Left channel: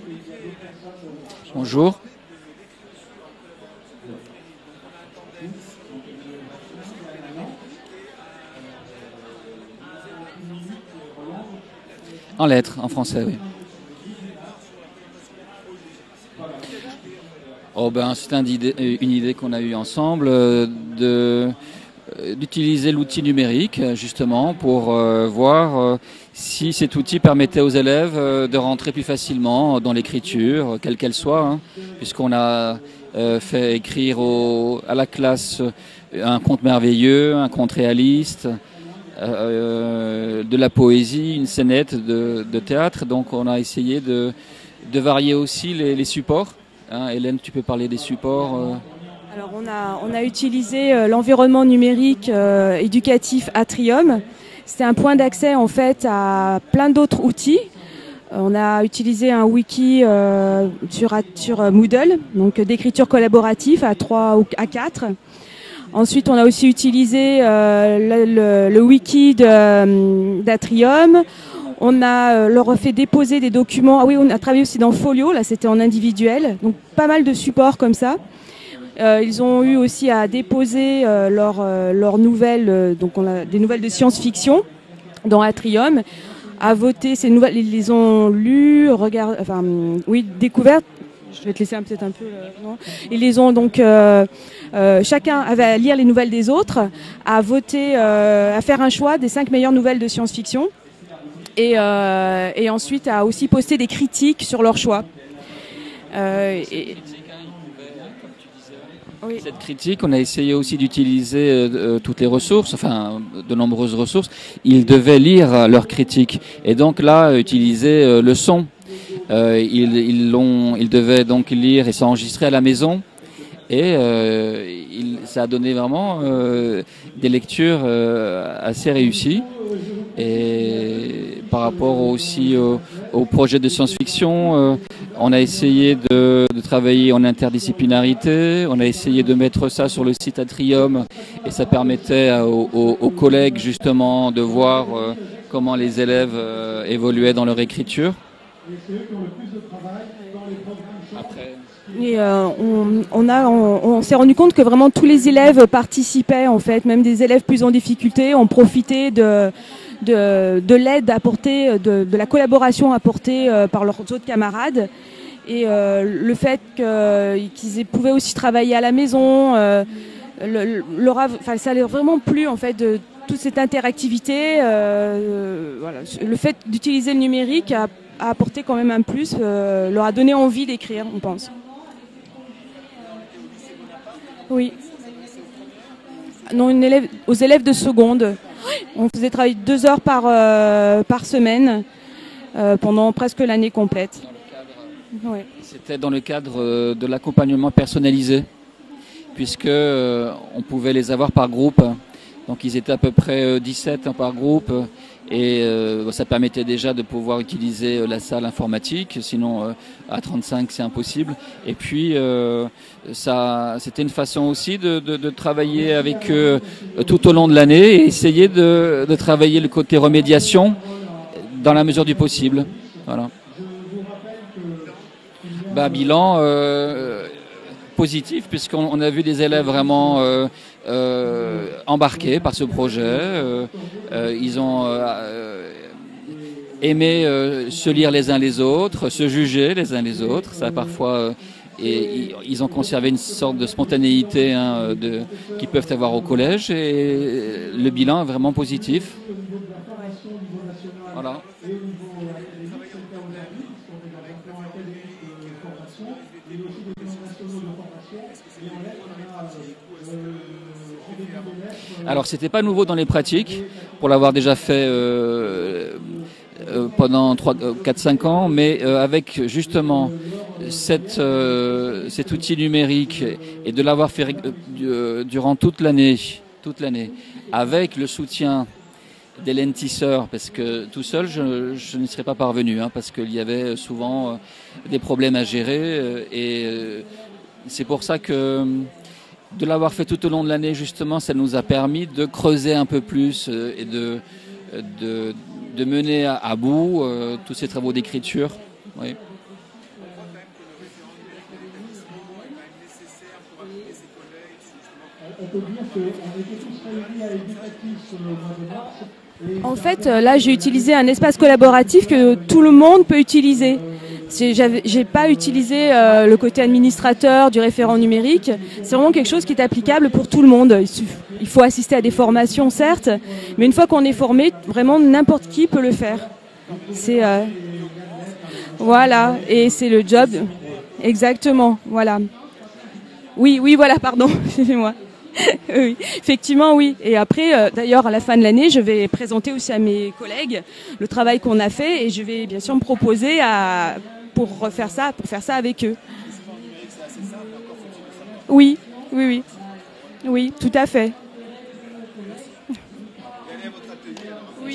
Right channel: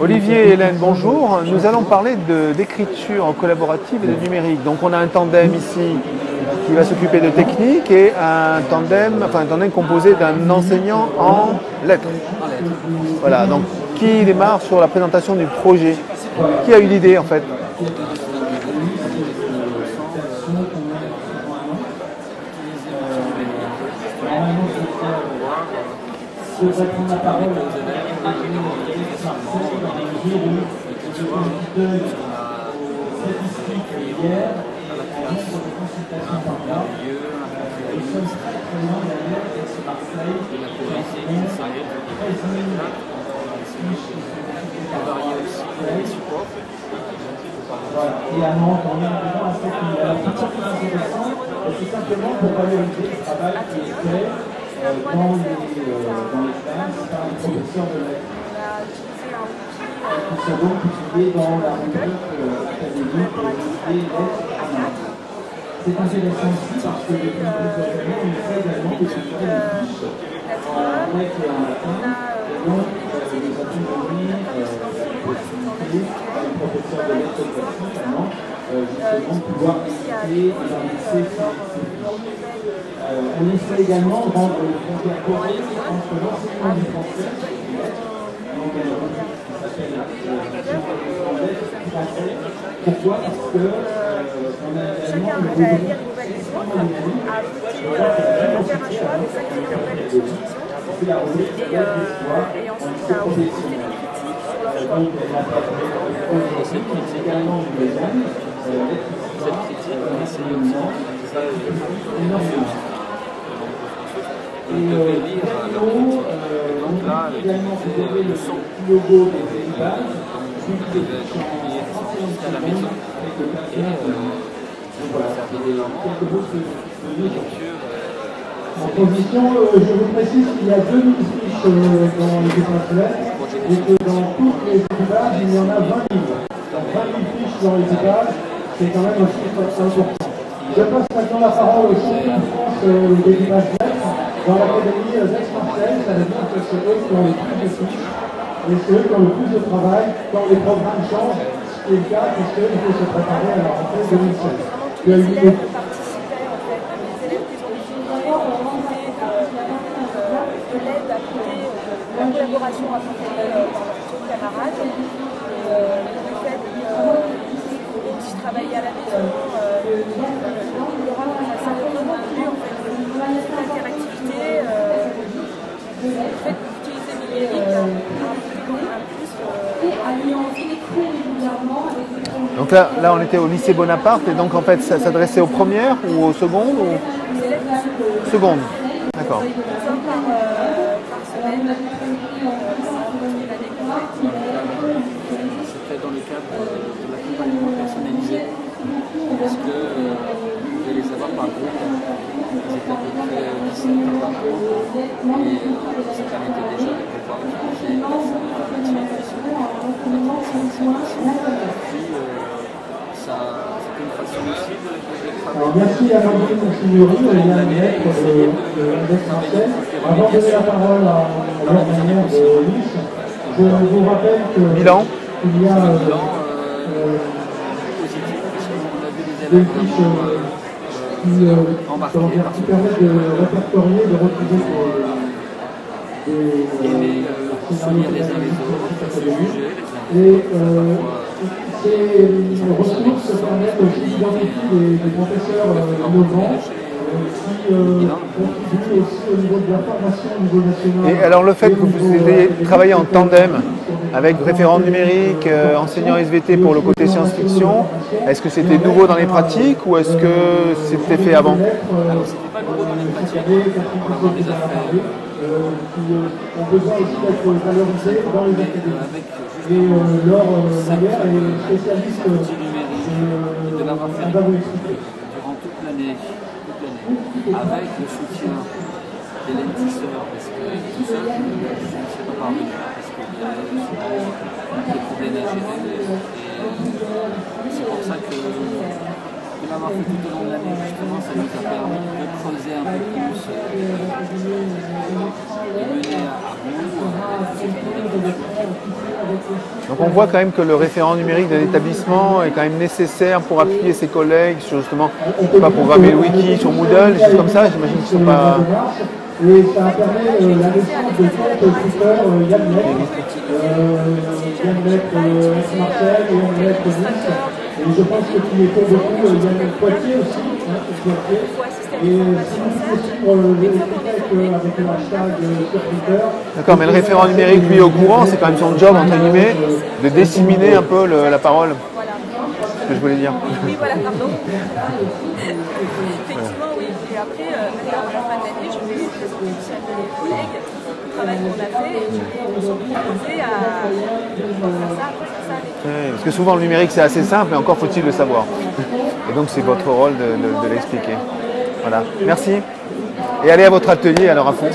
Olivier et Hélène, bonjour. Nous Bonjour. allons parler d'écriture collaborative et de numérique. Donc on a un tandem ici qui va s'occuper de technique et un tandem composé d'un enseignant en lettres. En lettres, en français. Voilà, donc qui démarre sur la présentation du projet? Qui a eu l'idée en fait? C'est une idée qu'on a eue ensemble d'utiliser l'outil numérique justement pour voir si cet outil permettait aux élèves de rentrer plus facilement dans l'écriture, quelle qu'elle soit, puisqu'on a fait écrire à la classe un conte merveilleux, un conte réaliste, de la poésie, une scénette de théâtre. Donc on a essayé de varier aussi les supports. Hélène, tu peux parler des supports? On a utilisé l'environnement numérique éducatif Atrium. C'était un point d'accès en fait à plein d'autres outils. On a utilisé un wiki sur Moodle, donc d'écriture collaborative à 3 ou à 4. Ensuite, on a aussi utilisé le wiki d'Atrium. On a leur fait déposer des documents. Ah oui, on a travaillé aussi dans Folio, là c'était en individuel. Donc, pas mal de supports comme ça. Ils ont eu aussi à déposer leurs nouvelles, donc on a des nouvelles de science-fiction dans Atrium, à voter ces nouvelles. Ils les ont lues, découvertes. Je vais te laisser un petit peu. Ils les ont donc. Chacun avait à lire les nouvelles des autres, à voter, à faire un choix des 5 meilleures nouvelles de science-fiction et ensuite à aussi poster des critiques sur leur choix. Cette critique, on a essayé aussi d'utiliser toutes les ressources, de nombreuses ressources. Ils devaient lire leurs critiques et donc là utiliser le son. Ils devaient donc lire et s'enregistrer à la maison et ça a donné vraiment des lectures assez réussies. Et par rapport aussi au projet de science-fiction, on a essayé de travailler en interdisciplinarité, on a essayé de mettre ça sur le site Atrium et ça permettait aux collègues justement de voir comment les élèves évoluaient dans leur écriture. Et on s'est rendu compte que vraiment tous les élèves participaient en fait, même des élèves plus en difficulté ont profité de l'aide apportée, de la collaboration apportée par leurs autres camarades. Et le fait qu'ils pouvaient aussi travailler à la maison, ça leur a vraiment plu en fait de toute cette interactivité. Le fait d'utiliser le numérique a apporté quand même un plus, leur a donné envie d'écrire, on pense. Donc là, on était au lycée Bonaparte et donc en fait ça s'adressait aux premières ou aux secondes? Non, aux élèves de seconde. On faisait travailler 2 heures par semaine pendant presque l'année complète. C'était dans le cadre de l'accompagnement personnalisé, puisque on pouvait les avoir par groupe. Donc ils étaient à peu près 17 par groupe et ça permettait déjà de pouvoir utiliser la salle informatique, sinon à 35 c'est impossible. Et puis c'était une façon aussi de travailler avec eux tout au long de l'année et essayer de travailler le côté remédiation dans la mesure du possible. Voilà. Bilan positif, puisqu'on a vu des élèves vraiment embarqués par ce projet. Ils ont aimé se lire les uns les autres, se juger les uns les autres. Ça parfois, ils ont conservé une sorte de spontanéité qu'ils peuvent avoir au collège. Et le bilan est vraiment positif. Et alors le fait que vous ayez travaillé en tandem avec référent numérique, enseignant SVT pour le côté science-fiction, est-ce que c'était nouveau dans les pratiques ou est-ce que c'était fait avant? Alors c'était pas nouveau dans les pratiques, pour l'avoir déjà fait pendant 4-5 ans, mais avec justement cet outil numérique et de l'avoir fait durant toute l'année, avec le soutien d'Hélène Tisseur, parce que tout seul je ne serais pas parvenu, parce qu'il y avait souvent des problèmes à gérer et c'est pour ça que de l'avoir fait tout au long de l'année justement, ça nous a permis de creuser un peu plus et mener à bout tous ces travaux d'écriture. Ouais. Donc on voit quand même que le référent numérique d'un établissement est quand même nécessaire pour appuyer ses collègues sur justement, je sais pas, programmer le wiki sur Moodle, des choses comme ça, j'imagine qu'ils ne sont pas... En fait, là, j'ai utilisé un espace collaboratif que tout le monde peut utiliser. J'ai pas utilisé le côté administrateur du référent numérique. C'est vraiment quelque chose qui est applicable pour tout le monde. Il faut assister à des formations, certes, mais une fois qu'on est formé, vraiment n'importe qui peut le faire. D'accord, mais le référent numérique, lui, est au courant, c'est quand même son job, voilà, entre guillemets, et c'est le de job. disséminer un peu la parole. Voilà. Que je voulais dire. Oui, voilà, pardon, excusez-moi. Oui, effectivement, oui. Et après, d'ailleurs, à la fin de l'année, je vais présenter aussi à mes collègues le travail qu'on a fait et je vais bien sûr me proposer pour faire ça avec eux. Ouais, parce que souvent le numérique c'est assez simple, mais encore faut-il le savoir. Oui. Et donc c'est votre rôle de tout à l'expliquer. fait. Voilà, merci. Et allez à votre atelier alors à fond.